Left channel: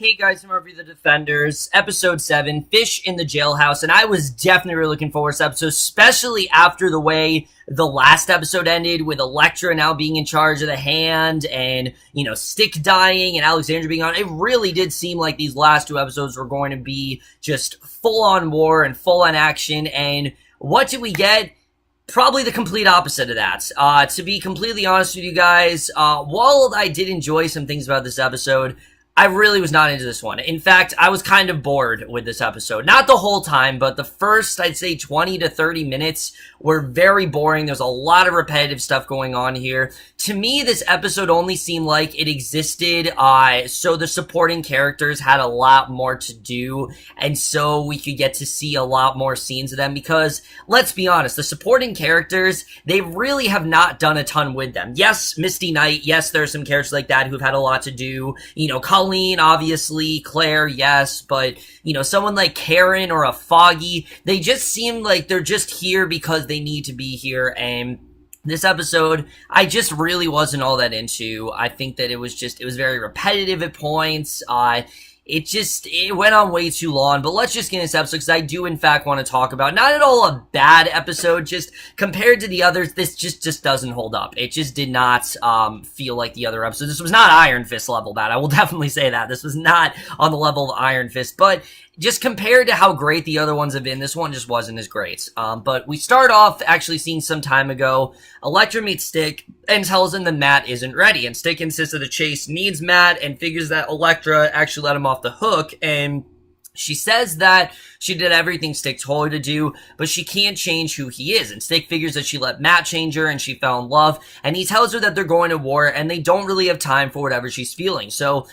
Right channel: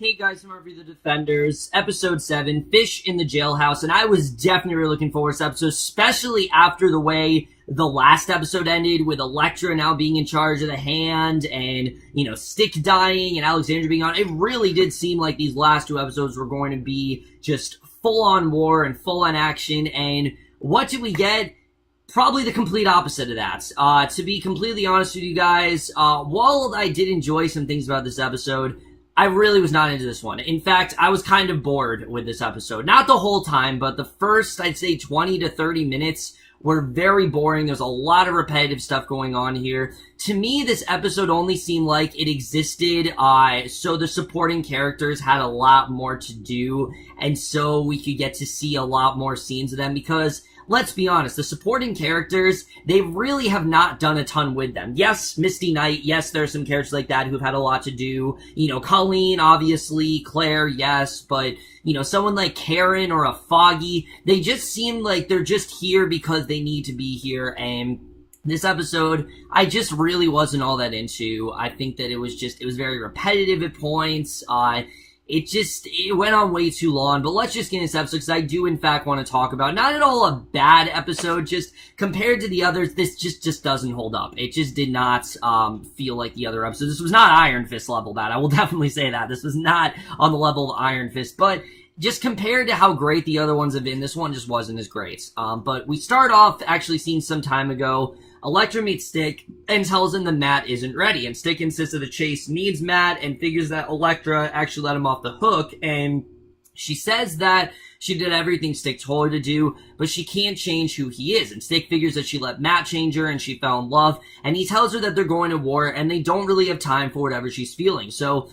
Hey guys, I'm Review the Defenders, episode 7, Fish in the Jailhouse, and I was definitely really looking forward to this episode, especially after the way the last episode ended, with Elektra now being in charge of the hand, and, Stick dying, and Alexandra being on. It really did seem like these last two episodes were going to be just full-on war and full-on action, and what did we get? Probably the complete opposite of that. To be completely honest with you guys, while I did enjoy some things about this episode, I really was not into this one. In fact, I was kind of bored with this episode. Not the whole time, but the first, I'd say 20 to 30 minutes were very boring. There's a lot of repetitive stuff going on here. To me, this episode only seemed like it existed, so the supporting characters had a lot more to do, and so we could get to see a lot more scenes of them, because, let's be honest, the supporting characters, they really have not done a ton with them. Yes, Misty Knight, yes, there are some characters like that who've had a lot to do. Colleen, obviously, Claire, yes, but, someone like Karen or a Foggy, they just seem like they're just here because they need to be here, and this episode, I just really wasn't all that into. I think that it was very repetitive at points. It went on way too long, but let's just get into this episode, because I do, in fact, want to talk about, not at all a bad episode, just compared to the others, this just doesn't hold up. It just did not, feel like the other episodes. This was not Iron Fist level bad, I will definitely say that. This was not on the level of Iron Fist, but just compared to how great the other ones have been, this one just wasn't as great. But we start off actually seeing some time ago, Elektra meets Stick and tells him that Matt isn't ready. And Stick insists that the chase needs Matt and figures that Elektra actually let him off the hook. And she says that she did everything Stick told her to do, but she can't change who he is. And Stick figures that she let Matt change her and she fell in love. And he tells her that they're going to war and they don't really have time for whatever she's feeling. So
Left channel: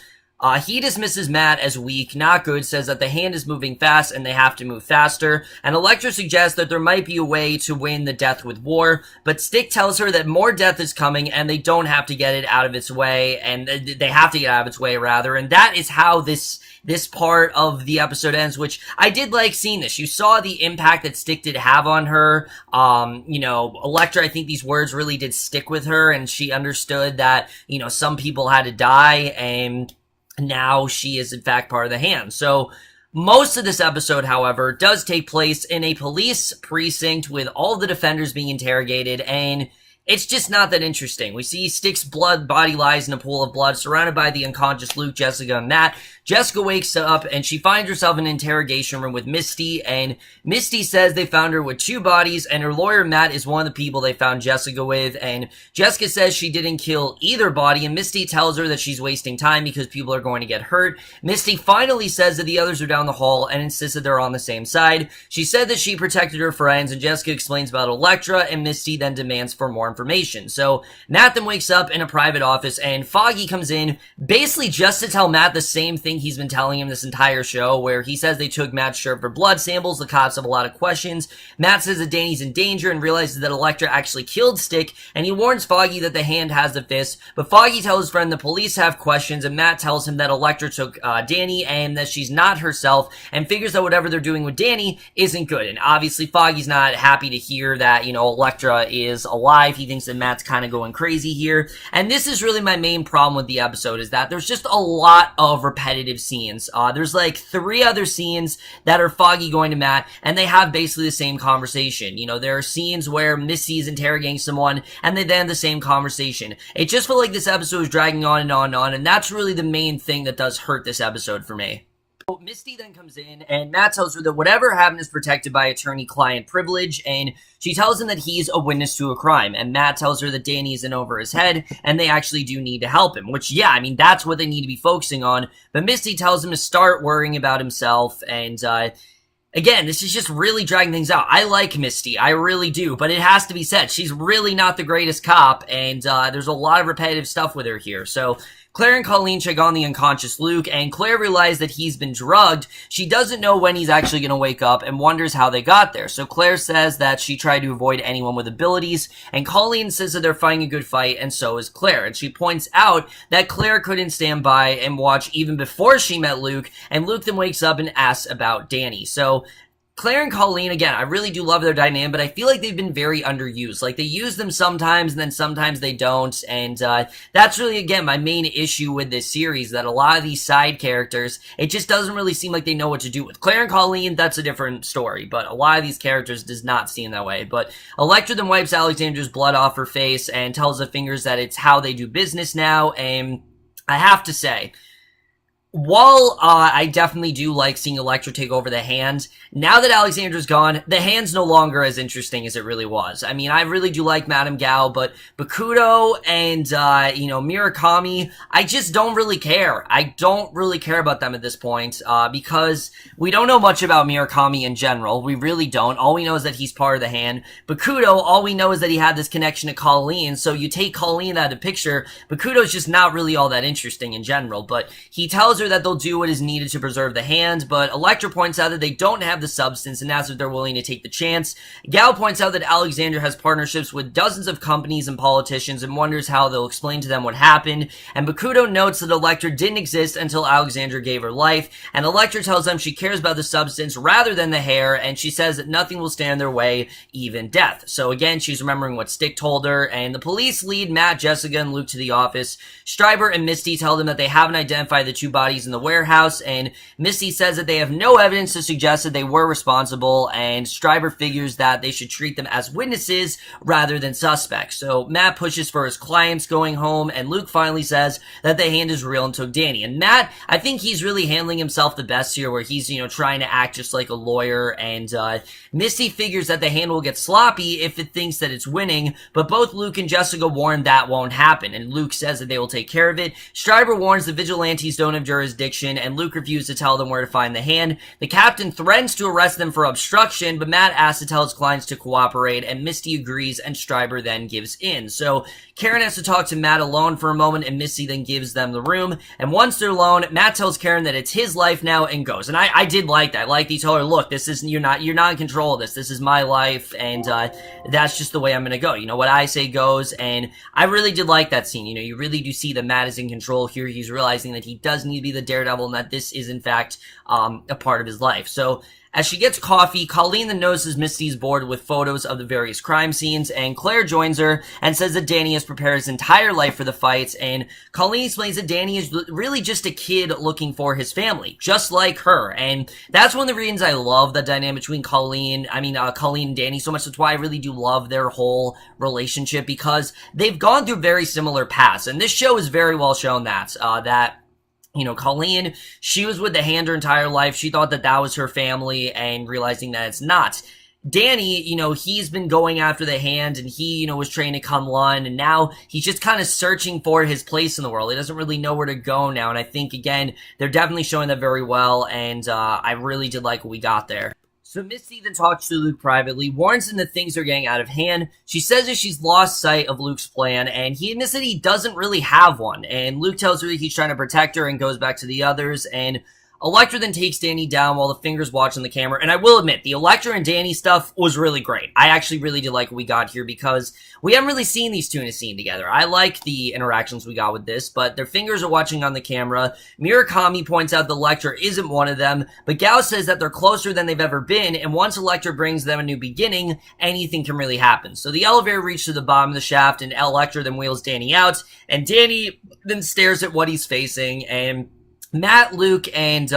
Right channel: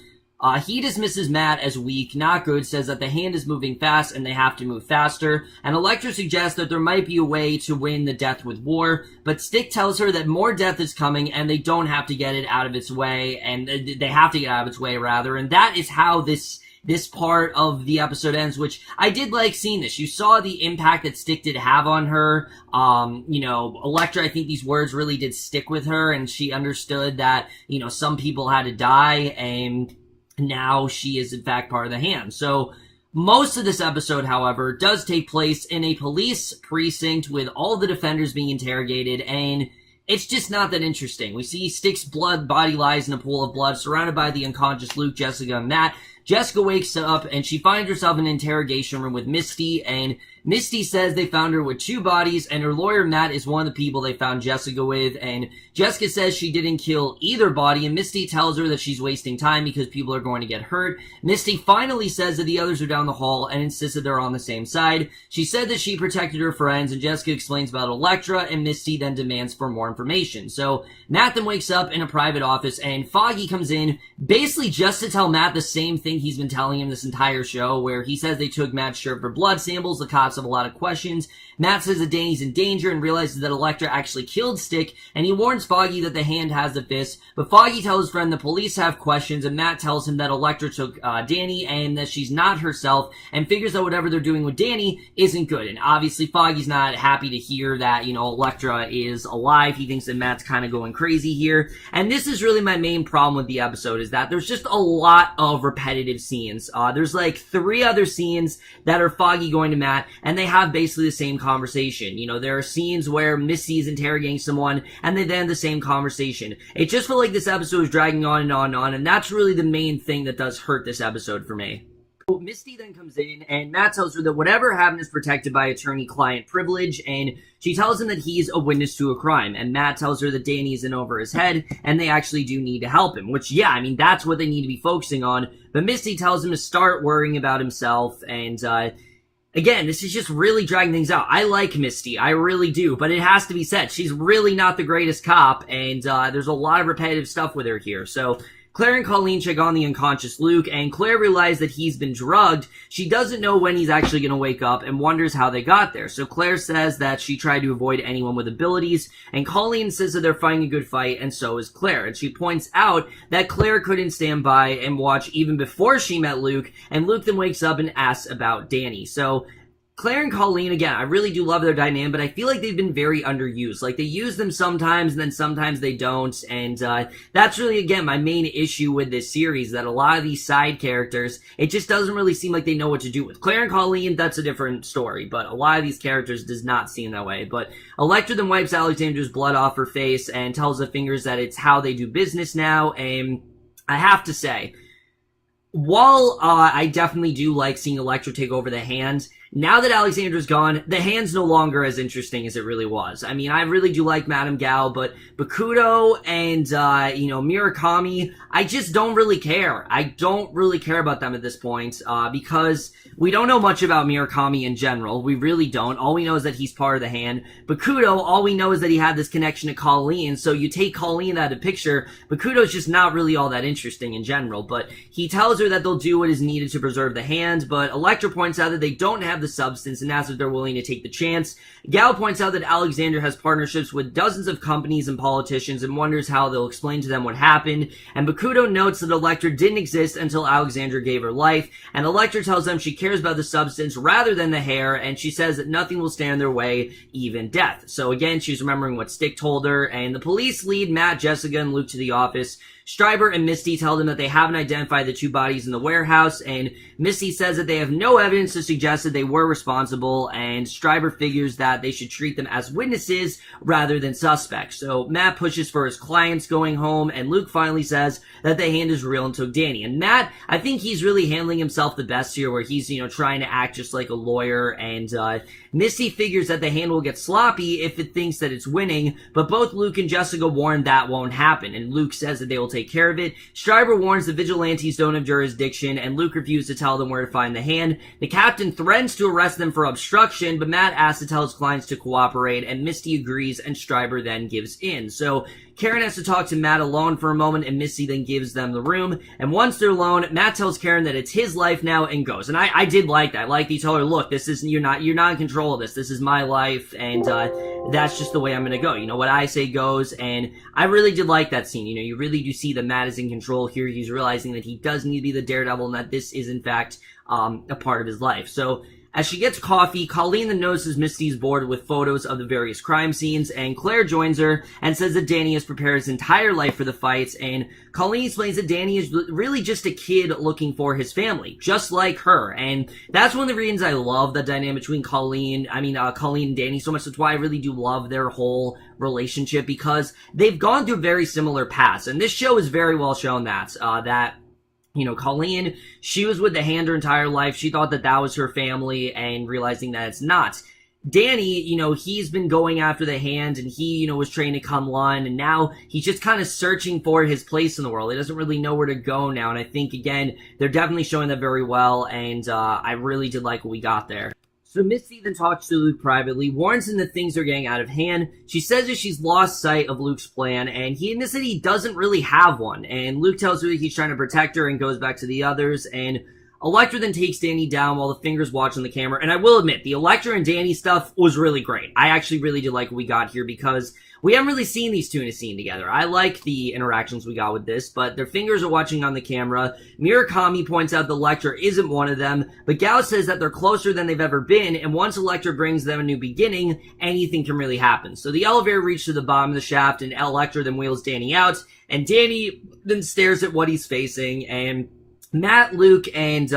he dismisses Matt as weak, not good, says that the hand is moving fast and they have to move faster, and Elektra suggests that there might be a way to win the death with war, but Stick tells her that more death is coming and they don't have to get it out of its way, and they have to get out of its way, rather, and that is how this part of the episode ends, which I did like seeing this. You saw the impact that Stick did have on her. Elektra, I think these words really did stick with her, and she understood that, some people had to die, and now she is in fact part of the hand. So most of this episode, however, does take place in a police precinct with all the defenders being interrogated, and it's just not that interesting. We see Stick's body lies in a pool of blood, surrounded by the unconscious Luke, Jessica, and Matt. Jessica wakes up, and she finds herself in an interrogation room with Misty, and Misty says they found her with 2 bodies, and her lawyer, Matt, is one of the people they found Jessica with, and Jessica says she didn't kill either body, and Misty tells her that she's wasting time because people are going to get hurt. Misty finally says that the others are down the hall and insists that they're on the same side. She said that she protected her friends, and Jessica explains about Elektra, and Misty then demands for more information. So Matt then wakes up in a private office, and Foggy comes in, basically just to tell Matt the same thing he's been telling him this entire show, where he says they took Matt's shirt for blood samples. The cops have a lot of questions. Matt says that Danny's in danger and realizes that Elektra actually killed Stick, and he warns Foggy that the hand has the fist, but Foggy tells his friend the police have questions, and Matt tells him that Elektra took Danny and that she's not herself, and figures that whatever they're doing with Danny isn't good. And obviously Foggy's not happy to hear that, Elektra is alive. He thinks that Matt's kind of going crazy here, and this is really my main problem with the episode, is that there's just a lot of repetitive scenes. There's like 3 other scenes that are Foggy going to Matt, and they have basically the same conversation. There are scenes where Missy is interrogating someone, and they then have the same conversation. It just felt like this episode was dragging on and on and on, and that's really the main thing that does hurt this episode for me. Misty then comes in, and Matt tells her that whatever happened is protected by attorney-client privilege, and she tells him that he's a witness to a crime, and Matt tells her that Danny isn't over his head, and they actually do need to help him, which, yeah, that's what they need to be focusing on, but Misty tells him to start worrying about himself, and, again, this is just really dragging things out. I like Misty, I really do, but it has to be said, she's really not the greatest cop, and, there's a lot of repetitive stuff with her here, so Claire and Colleen check on the unconscious Luke, and Claire realizes that he's been drugged. She doesn't know when he's actually going to wake up and wonders how they got there. So Claire says that she tried to avoid anyone with abilities, and Colleen says that they're fighting a good fight, and so is Claire. And she points out that Claire couldn't stand by and watch even before she met Luke, and Luke then wakes up and asks about Danny. So Claire and Colleen, again, I really do love their dynamic, but I feel like they've been very underused. Like, they use them sometimes, and then sometimes they don't, and that's really, again, my main issue with this series, that a lot of these side characters, it just doesn't really seem like they know what to do with. Claire and Colleen, that's a different story, but a lot of these characters does not seem that way. But Elektra then wipes Alexandra's blood off her face and tells the fingers that it's how they do business now, and I have to say, while I definitely do like seeing Elektra take over the hand, now that Alexandra's gone, the hand's no longer as interesting as it really was. I mean, I really do like Madame Gao, but Bakudo and, Murakami, I just don't really care. I don't really care about them at this point, because we don't know much about Murakami in general. We really don't. All we know is that he's part of the hand. Bakudo, all we know is that he had this connection to Colleen, so you take Colleen out of the picture, Bakudo's just not really all that interesting in general, but he tells her that they'll do what is needed to preserve the hand, but Elektra points out that they don't have the substance and asks if they're willing to take the chance. Gao points out that Alexandra has partnerships with dozens of companies and politicians and wonders how they'll explain to them what happened, and Bakudo notes that Elektra didn't exist until Alexandra gave her life, and Elektra tells them she cares about the substance rather than the hair, and she says that nothing will stand in their way, even death. So again, she's remembering what Stick told her, and the police lead Matt, Jessica, and Luke to the office. Stryber and Misty tell them that they haven't identified the two bodies in the warehouse, and Misty says that they have no evidence to suggest that they were responsible, and Stryber figures that they should treat them as witnesses rather than suspects. So Matt pushes for his clients going home, and Luke finally says that the hand is real and took Danny. And Matt, I think he's really handling himself the best here, where he's, trying to act just like a lawyer, and Misty figures that the hand will get sloppy if it thinks that it's winning, but both Luke and Jessica warn that won't happen, and Luke says that they will take care of it. Stryber warns the vigilantes don't have jurisdiction, and Luke refuses to tell them where to find the hand. The captain threatens to arrest them for obstruction, but Matt asks to tell his clients to cooperate, and Misty agrees, and Stryber then gives in. So Karen has to talk to Matt alone for a moment, and Misty then gives them the room, and once they're alone, Matt tells Karen that it's his life now and goes. And I did like that. Like, he told her, look, this is, you're not in control of this. This is my life, and that's just the way I'm gonna go. What I say goes, and I really did like that scene. You really do see that Matt is in control here. He's realizing that he does need to be the daredevil, and that this is, in fact, a part of his life. So as she gets coffee, Colleen then notices Misty's board with photos of the various crime scenes, and Claire joins her and says that Danny has prepared his entire life for the fights, and Colleen explains that Danny is really just a kid looking for his family, just like her, and that's one of the reasons I love the dynamic between Colleen and Danny so much. That's why I really do love their whole relationship, because they've gone through very similar paths, and this show is very well shown that, Colleen, she was with the hand her entire life. She thought that that was her family, and realizing that it's not. Danny, he's been going after the hand, and he, was trained to come Lun, and now he's just kind of searching for his place in the world. He doesn't really know where to go now, and I think, again, they're definitely showing that very well, and I really did like what we got there. So Misty then talks to Luke privately, warns him that things are getting out of hand. She says that she's lost sight of Luke's plan, and he admits that he doesn't really have one. And Luke tells her that he's trying to protect her and goes back to the others, and Elektra then takes Danny down while the fingers watch on the camera. And I will admit, the Elektra and Danny stuff was really great. I actually really did like what we got here, because we haven't really seen these two in a scene together. I like the interactions we got with this, but their fingers are watching on the camera. Murakami points out that Elektra isn't one of them, but Gao says that they're closer than they've ever been, and once Elektra brings them a new beginning, anything can really happen. So the elevator reaches to the bottom of the shaft, and Elektra then wheels Danny out, and Danny then stares at what he's facing, and Matt, Luke, and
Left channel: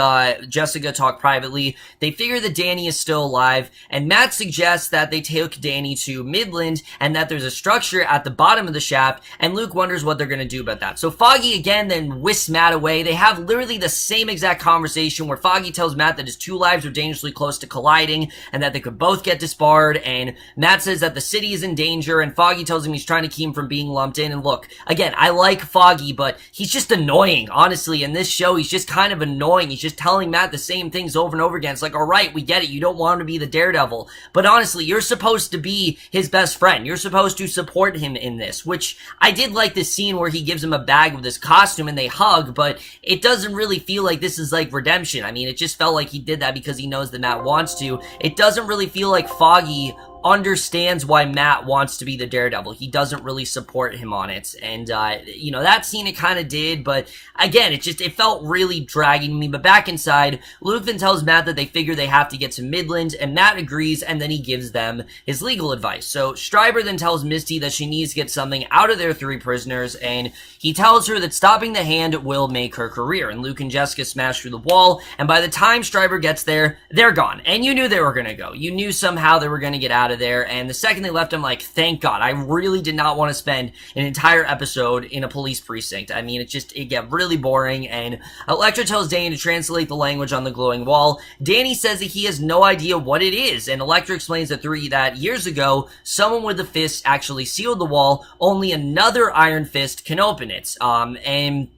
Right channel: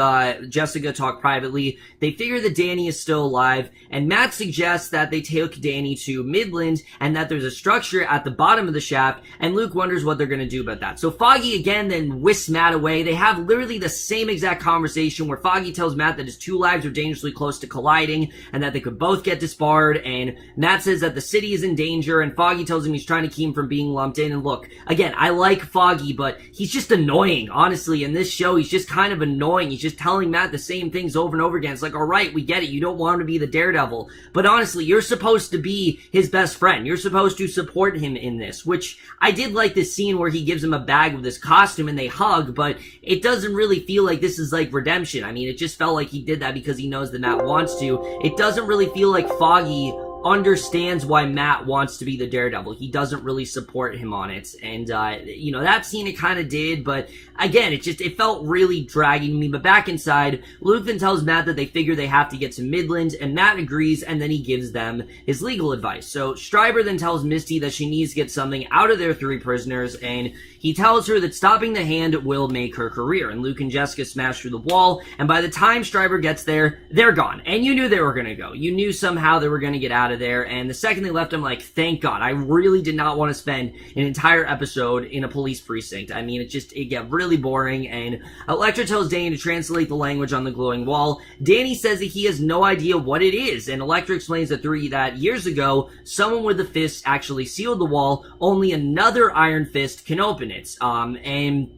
Jessica talk privately. They figure that Danny is still alive, and Matt suggests that they take Danny to Midland, and that there's a structure at the bottom of the shaft, and Luke wonders what they're going to do about that. So Foggy again then whisks Matt away. They have literally the same exact conversation where Foggy tells Matt that his two lives are dangerously close to colliding, and that they could both get disbarred, and Matt says that the city is in danger, and Foggy tells him he's trying to keep him from being lumped in. And look, again, I like Foggy, but he's just annoying, honestly. In this show, he's just kind of annoying. He's just telling Matt the same things over and over again. It's like, all right, we get it. You don't want him to be the daredevil. But honestly, you're supposed to be his best friend. You're supposed to support him in this, which I did like this scene where he gives him a bag with his costume and they hug, but it doesn't really feel like this is like redemption. I mean, it just felt like he did that because he knows that Matt wants to. It doesn't really feel like Foggy understands why Matt wants to be the Daredevil. He doesn't really support him on it. And, that scene it kind of did, but again, it felt really dragging me. But back inside, Luke then tells Matt that they figure they have to get to Midland, and Matt agrees, and then he gives them his legal advice. So Stryber then tells Misty that she needs to get something out of their 3 prisoners, and he tells her that stopping the hand will make her career. And Luke and Jessica smash through the wall, and by the time Stryber gets there, they're gone. And you knew they were gonna go. You knew somehow they were gonna get out of there, and the second they left, I'm like, thank God. I really did not want to spend an entire episode in a police precinct. I mean, it got really boring, and Elektra tells Danny to translate the language on the glowing wall. Danny says that he has no idea what it is, and Elektra explains that years ago, someone with a fist actually sealed the wall, only another iron fist can open it. And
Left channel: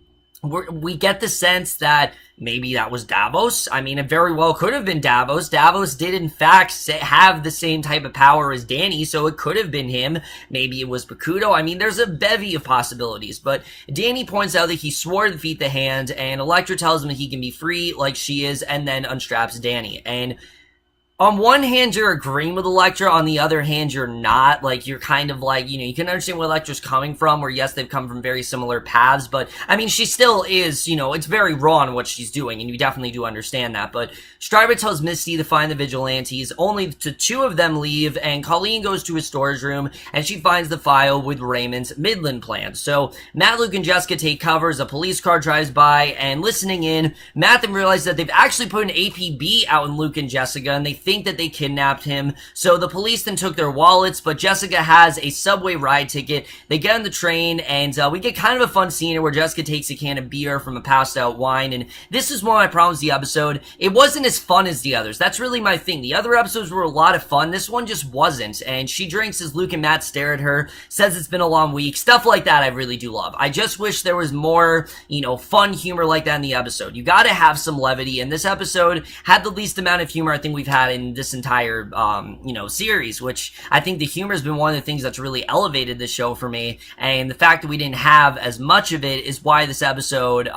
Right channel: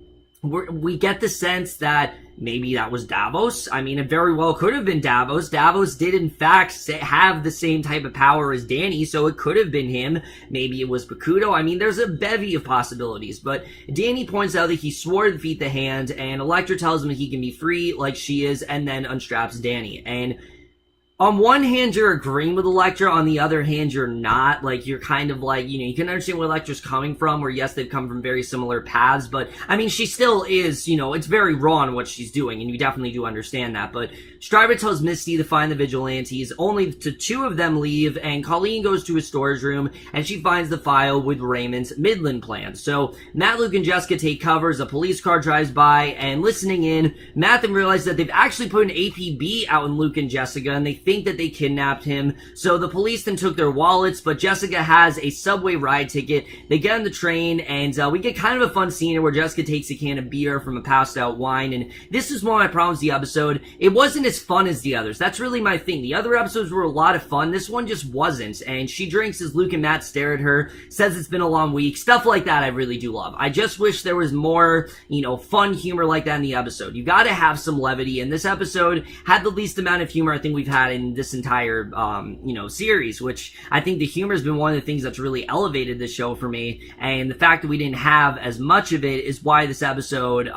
we get the sense that maybe that was Davos. I mean, it very well could have been Davos. Davos did, in fact, have the same type of power as Danny, so it could have been him. Maybe it was Bakuto. I mean, there's a bevy of possibilities, but Danny points out that he swore to defeat the hand, and Elektra tells him that he can be free like she is, and then unstraps Danny. And on one hand, you're agreeing with Elektra. On the other hand, you're not. Like, you're kind of like, you can understand where Elektra's coming from, where yes, they've come from very similar paths, but, I mean, she still is, it's very wrong what she's doing, and you definitely do understand that. But Stryber tells Misty to find the vigilantes. Only 2 of them leave, and Colleen goes to his storage room, and she finds the file with Raymond's Midland plan. So, Matt, Luke, and Jessica take cover as a police car drives by, and listening in, Matt then realizes that they've actually put an APB out in Luke and Jessica, and they think that they kidnapped him. So the police then took their wallets, but Jessica has a subway ride ticket. They get on the train, and we get kind of a fun scene where Jessica takes a can of beer from a passed out wine, and this is one of my problems with the episode. It wasn't as fun as the others. That's really my thing. The other episodes were a lot of fun. This one just wasn't, and she drinks as Luke and Matt stare at her, says it's been a long week. Stuff like that I really do love. I just wish there was more, fun humor like that in the episode. You gotta have some levity, and this episode had the least amount of humor I think we've had in this entire, series, which I think the humor has been one of the things that's really elevated this show for me, and the fact that we didn't have as much of it is why this episode,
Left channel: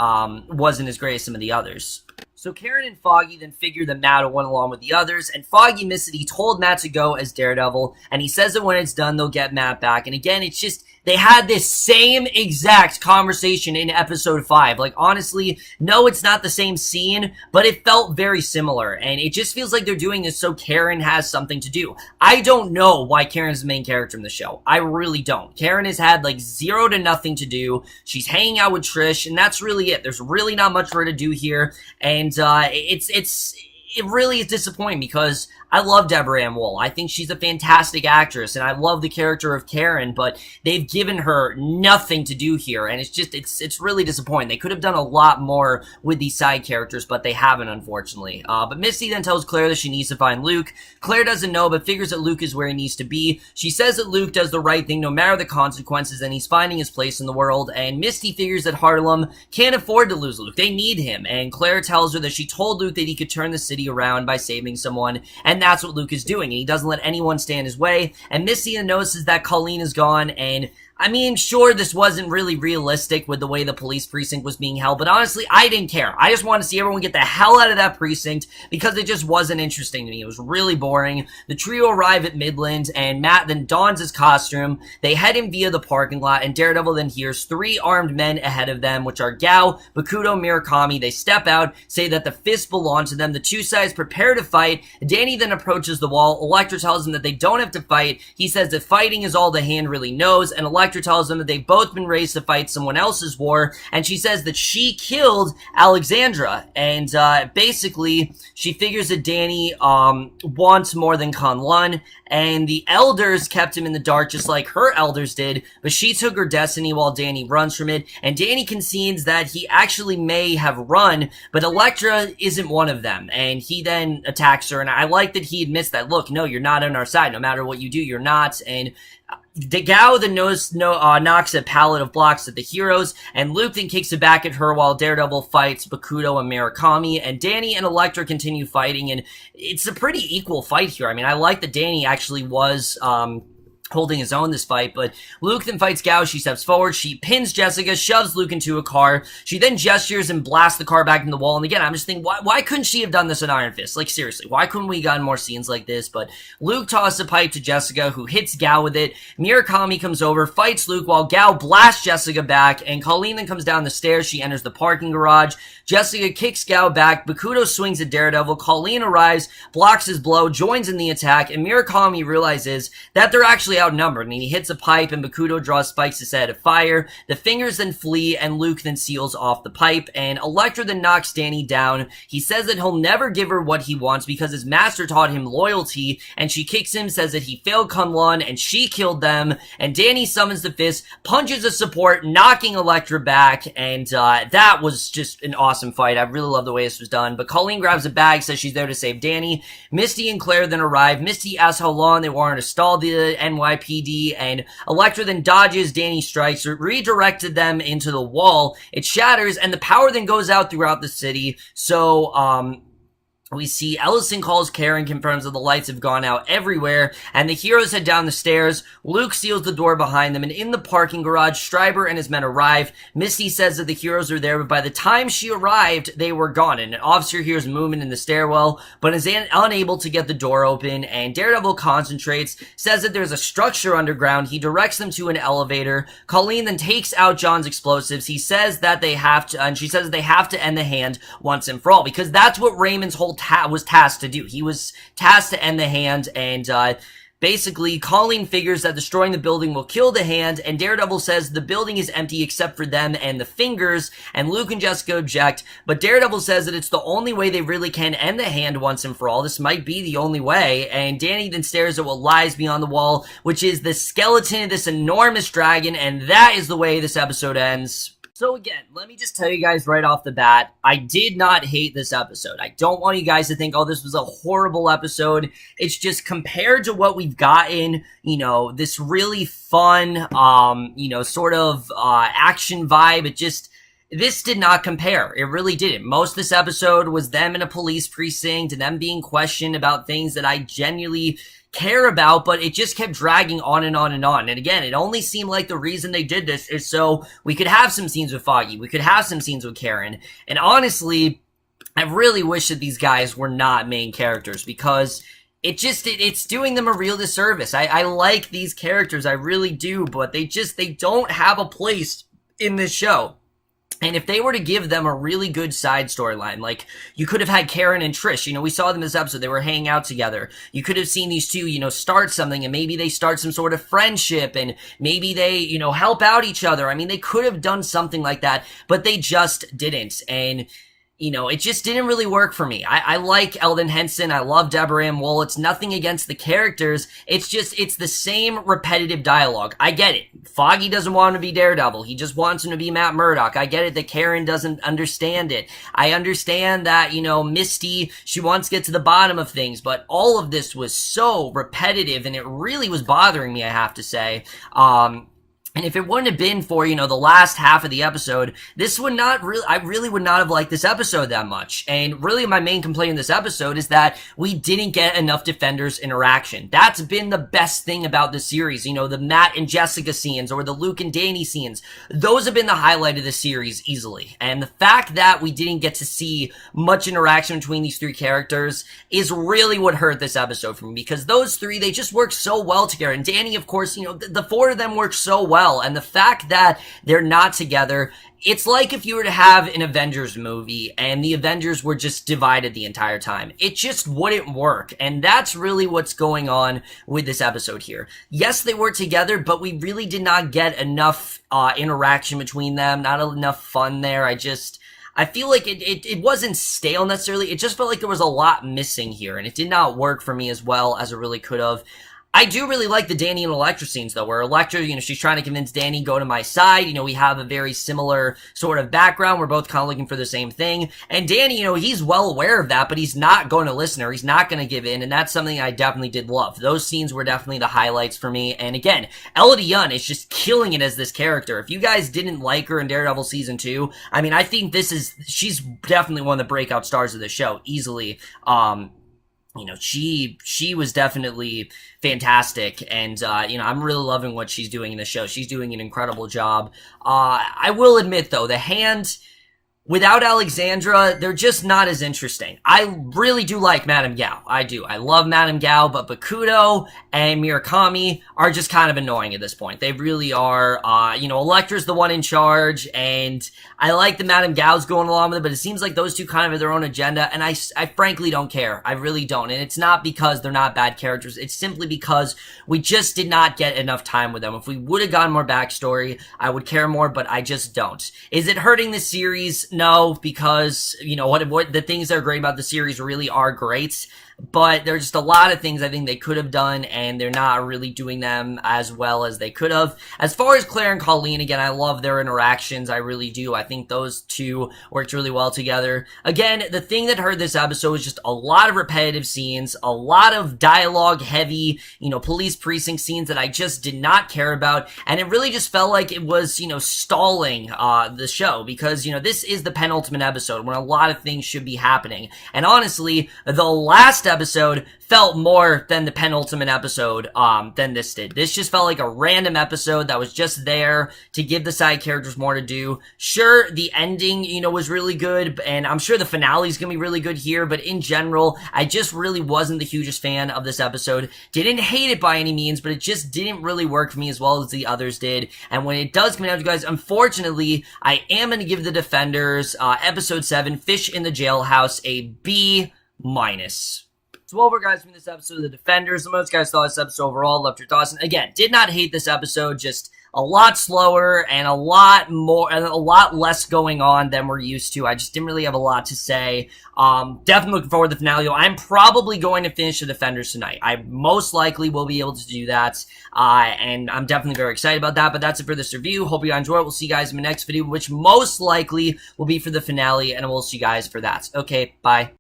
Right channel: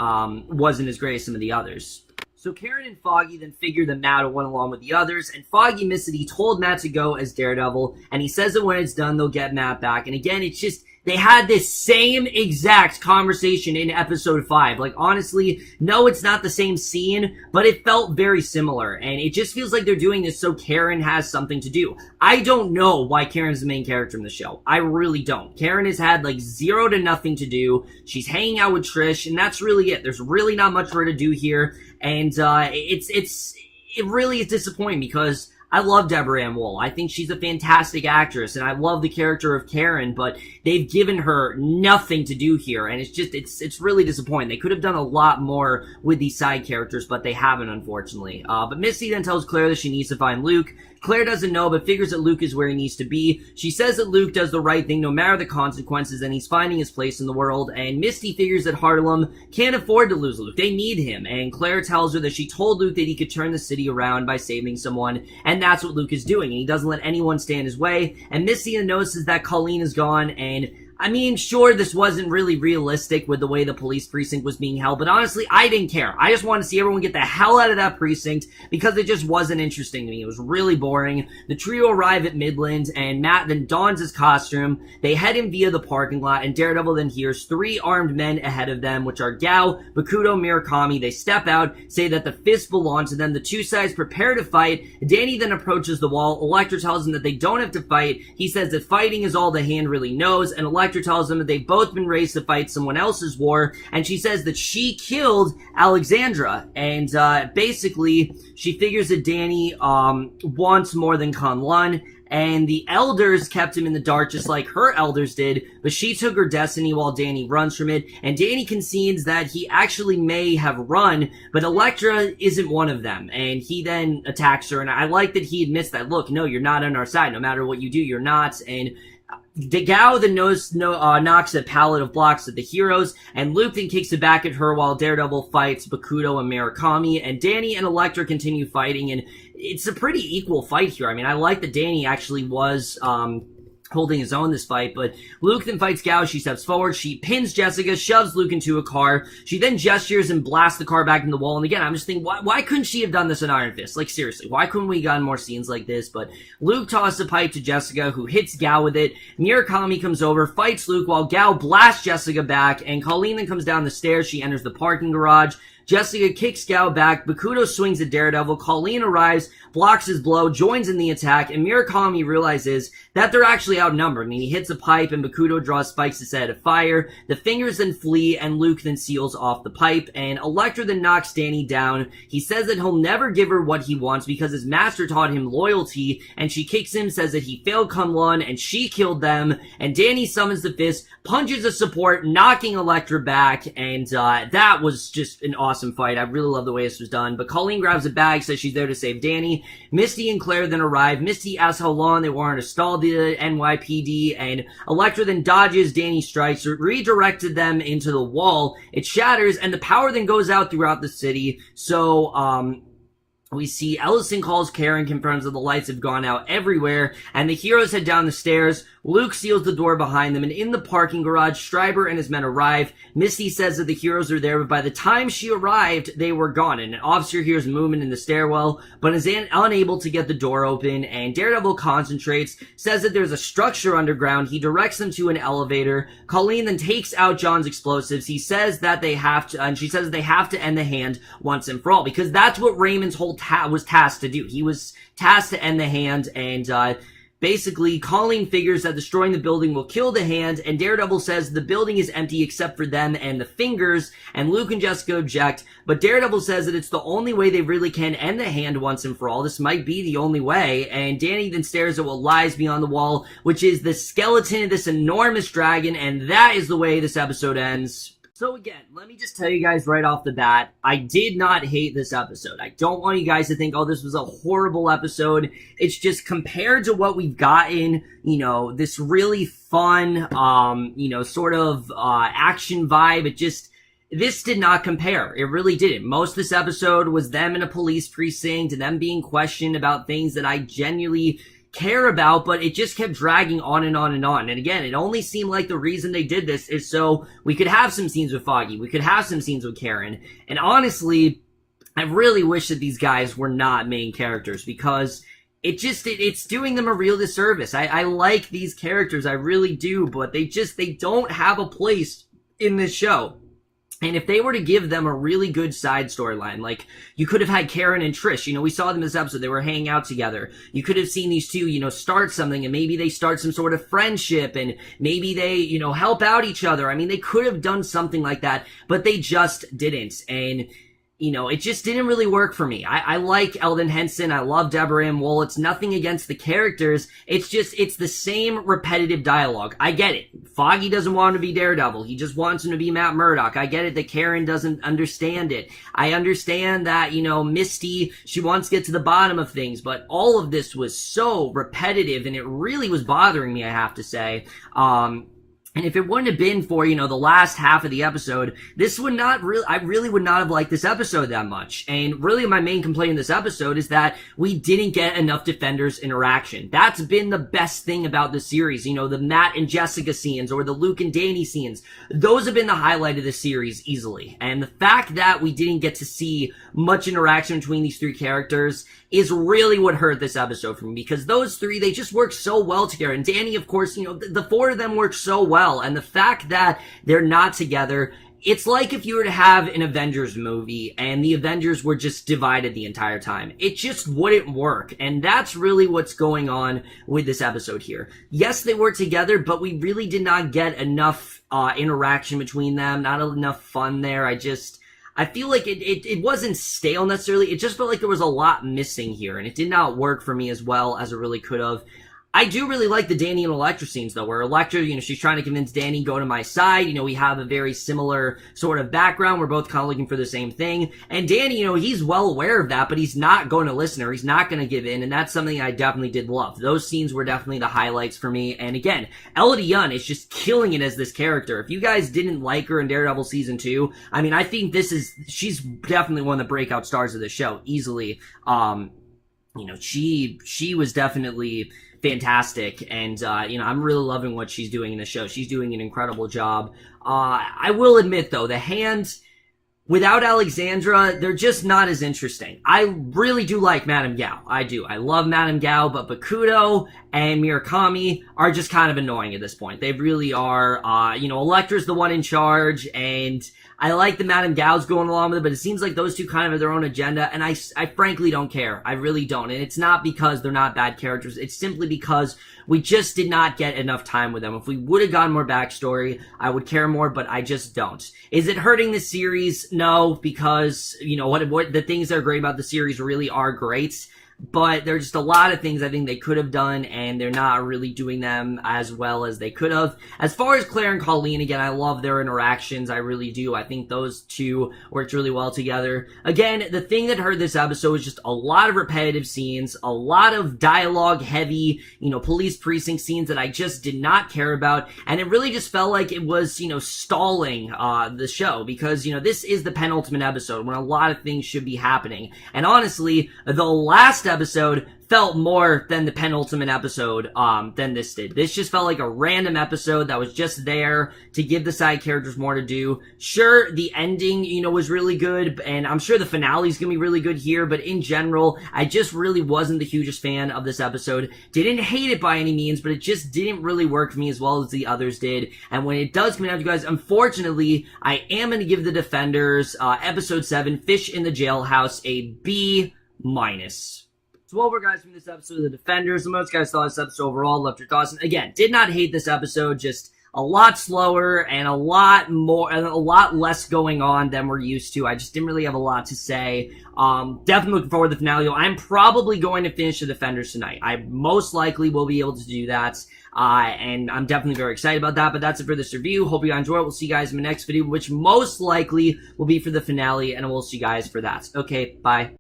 wasn't as great as some of the others. So Karen and Foggy then figure that Matt went along with the others, and Foggy admits that he told Matt to go as Daredevil, and he says that when it's done, they'll get Matt back. And again, it's just, they had this same exact conversation in episode 5. Like, honestly, no, it's not the same scene, but it felt very similar, and it just feels like they're doing this so Karen has something to do. I don't know why Karen's the main character in the show. I really don't. Karen has had, 0 to nothing to do. She's hanging out with Trish, and that's really it. There's really not much for her to do here, and it really is disappointing because I love Deborah Ann Woll. I think she's a fantastic actress, and I love the character of Karen, but they've given her nothing to do here, and it's really disappointing. They could have done a lot more with these side characters, but they haven't, unfortunately. But Misty then tells Claire that she needs to find Luke. Claire doesn't know, but figures that Luke is where he needs to be. She says that Luke does the right thing no matter the consequences, and he's finding his place in the world, and Misty figures that Harlem can't afford to lose Luke. They need him, and Claire tells her that she told Luke that he could turn the city around by saving someone, and that's what Luke is doing, and he doesn't let anyone stand in his way. And Misty notices that Colleen is gone, and I mean, sure, this wasn't really realistic with the way the police precinct was being held, but honestly, I didn't care. I just wanted to see everyone get the hell out of that precinct because it just wasn't interesting to me. It was really boring. The trio arrive at Midland, and Matt then dons his costume. They head in via the parking lot, and Daredevil then hears 3 armed men ahead of them, which are Gao, Bakuto, Murakami. They step out, say that the fists belong to them. The 2 sides prepare to fight. Danny then approaches the wall. Elektra tells him that they don't have to fight. He says that fighting is all the hand really knows, and Elektra tells them that they've both been raised to fight someone else's war, and she says that she killed Alexandra, and basically she figures that Danny wants more than Kunlun, and the elders kept him in the dark just like her elders did, but she took her destiny while Danny runs from it, and Danny concedes that he actually may have run, but Elektra isn't one of them, and he then attacks her, and I like that he admits that, look, no, you're not on our side, no matter what you do, you're not, and Gao then knocks a pallet of blocks at the heroes, and Luke then kicks it back at her while Daredevil fights Bakuto and Murakami, and Danny and Elektra continue fighting, and it's a pretty equal fight here. I mean, I like that Danny actually was holding his own this fight, but Luke then fights Gao. She steps forward, she pins Jessica, shoves Luke into a car. She then gestures and blasts the car back into the wall. And again, I'm just thinking, why couldn't she have done this in Iron Fist? Like, seriously, why couldn't we gotten more scenes like this? But Luke tosses a pipe to Jessica, who hits Gao with it. Murakami comes over, fights Luke while Gao blasts Jessica back, and Colleen then comes down the stairs. She enters the parking garage. Jessica kicks Gao back. Bakuto swings at Daredevil. Colleen arrives, blocks his blow, joins in the attack, and Murakami realizes that they're actually outnumbered, and he hits a pipe, and Bakuto draws spikes to set it afire. The fingers then flee, and Luke then seals off the pipe, and Elektra then knocks Danny down. He says that he'll never give her what he wants because his master taught him loyalty, and she kicks him, says that he failed Kunlun, and she killed them, and Danny summons the fist, punches a support, knocking Elektra back, and that was just an awesome fight. I really love the way this was done. But Colleen grabs a bag, says she's there to save Danny. Misty and Claire then arrive. Misty asks how long they wanted to stall the NYPD, and Elektra then dodges Danny's strikes, redirected them into the wall. It shatters, and the power then goes out throughout the city. So, we see Ellison calls Karen, confirms that the lights have gone out everywhere, and the heroes head down the stairs. Luke seals the door behind them, and in the parking garage, Stryber and his men arrive. Misty says that the heroes are there, but by the time she arrived, they were gone, and an officer hears movement in the stairwell, but is unable to get the door open, and Daredevil concentrates, says that there's a structure underground. He directs them to an elevator. Colleen then takes out John's explosives. He says that they have to, and she says they have to end the hand once and for all, because that's what Raymond's whole was tasked to do. He was tasked to end the hand, and basically Colleen figures that destroying the building will kill the hand, and Daredevil says the building is empty except for them and the fingers, and Luke and Jessica object, but Daredevil says that it's the only way they really can end the hand once and for all. This might be the only way, and Danny then stares at what lies beyond the wall, which is the skeleton of this enormous dragon, and that is the way this episode ends. So again, let me just tell you guys right off the bat, I did not hate this episode. I don't want you guys to think, oh, this was a horrible episode. It's just compared to what we've gotten, you know, this really fun, sort of action vibe, this did not compare. It really didn't. Most of this episode was them in a police precinct and them being questioned about things that I genuinely care about, but it just kept dragging on and on and on. And again, it only seemed like the reason they did this is so we could have some scenes with Foggy, we could have some scenes with Karen, and honestly, I really wish that these guys were not main characters, because it's doing them a real disservice. I like these characters, I really do, but they don't have a place in this show. And if they were to give them a really good side storyline, like you could have had Karen and Trish, we saw them in this episode, they were hanging out together. You could have seen these two, start something, and maybe they start some sort of friendship, and maybe they, help out each other. I mean, they could have done something like that, but they just didn't. And it just didn't really work for me. I like Elden Henson. I love Deborah and Woll. It's nothing against the characters. It's the same repetitive dialogue. I get it. Foggy doesn't want him to be Daredevil. He just wants him to be Matt Murdock. I get it that Karen doesn't understand it. I understand that, Misty, she wants to get to the bottom of things, but all of this was so repetitive, and it really was bothering me, I have to say. And if it wouldn't have been for, the last half of the episode, I really would not have liked this episode that much. And really my main complaint in this episode is that we didn't get enough Defenders interaction. That's been the best thing about the series. The Matt and Jessica scenes, or the Luke and Danny scenes. Those have been the highlight of the series easily. And the fact that we didn't get to see much interaction between these three characters is really what hurt this episode for me, because those three, they just work so well together. And Danny, of course, the four of them work so well. And the fact that they're not together, it's like if you were to have an Avengers movie and the Avengers were just divided the entire time. It just wouldn't work. And that's really what's going on with this episode here. Yes, they were together, but we really did not get enough interaction between them, not enough fun there. I feel like it wasn't stale necessarily. It just felt like there was a lot missing here, and it did not work for me as well as it really could have. I do really like the Danny and Elektra scenes, though, where Elektra, she's trying to convince Danny, go to my side. We have a very similar sort of background. We're both kind of looking for the same thing. And Danny, he's well aware of that, but he's not going to listen, or he's not going to give in. And that's something I definitely did love. Those scenes were definitely the highlights for me. And again, Elodie is just killing it as this character. If you guys didn't like her in Daredevil Season 2, I mean, I think she's definitely one of the breakout stars of the show, easily. she was definitely fantastic, and I'm really loving what she's doing in the show. She's doing an incredible job. I will admit though, the Hand, without Alexandra, they're just not as interesting. I really do like Madame Gao. I do. I love Madame Gao, but Bakudo and Murakami are just kind of annoying at this point. They really are. Electra's the one in charge, and I like the Madame Gao's going along with it, but it seems like those two kind of have their own agenda, and I frankly don't care. I really don't. And it's not because they're not bad characters. It's simply because we just did not get enough time with them. If we would have gotten more backstory, I would care more, but I just don't. Is it hurting the series? No, because, what the things that are great about the series really are great. But there's just a lot of things I think they could have done, and they're not really doing them as well as they could have. As far as Claire and Colleen, again, I love their interactions. I really do. I think those two worked really well together. Again, the thing that hurt this episode was just a lot of repetitive scenes, a lot of dialogue-heavy, police precinct scenes that I just did not care about, and it really just felt like it was, stalling the show, because, this is the penultimate episode when a lot of things should be happening. And honestly, the last episode felt more than the penultimate episode than this did. This just felt like a random episode that was just there to give the side characters more to do. Sure, the ending, was really good, and I'm sure the finale is gonna be really good here, but in general, I just really wasn't the hugest fan of this episode. Didn't hate it by any means, but it just didn't really work for me as well as the others did. And when it does come out, you guys, unfortunately, I am gonna give the Defenders episode 7, Fish in the Jailhouse, a B-. So over, guys, from this episode of The Defenders. Most guys thought this episode overall. Loved your thoughts. And again, did not hate this episode. Just a lot slower and a lot less going on than we're used to. I just didn't really have a lot to say. Definitely looking forward to the finale. I'm probably going to finish The Defenders tonight. I most likely will be able to do that. And I'm definitely very excited about that. But that's it for this review. Hope you enjoy it. We'll see you guys in my next video, which most likely will be for the finale. And we'll see you guys for that. Okay, bye.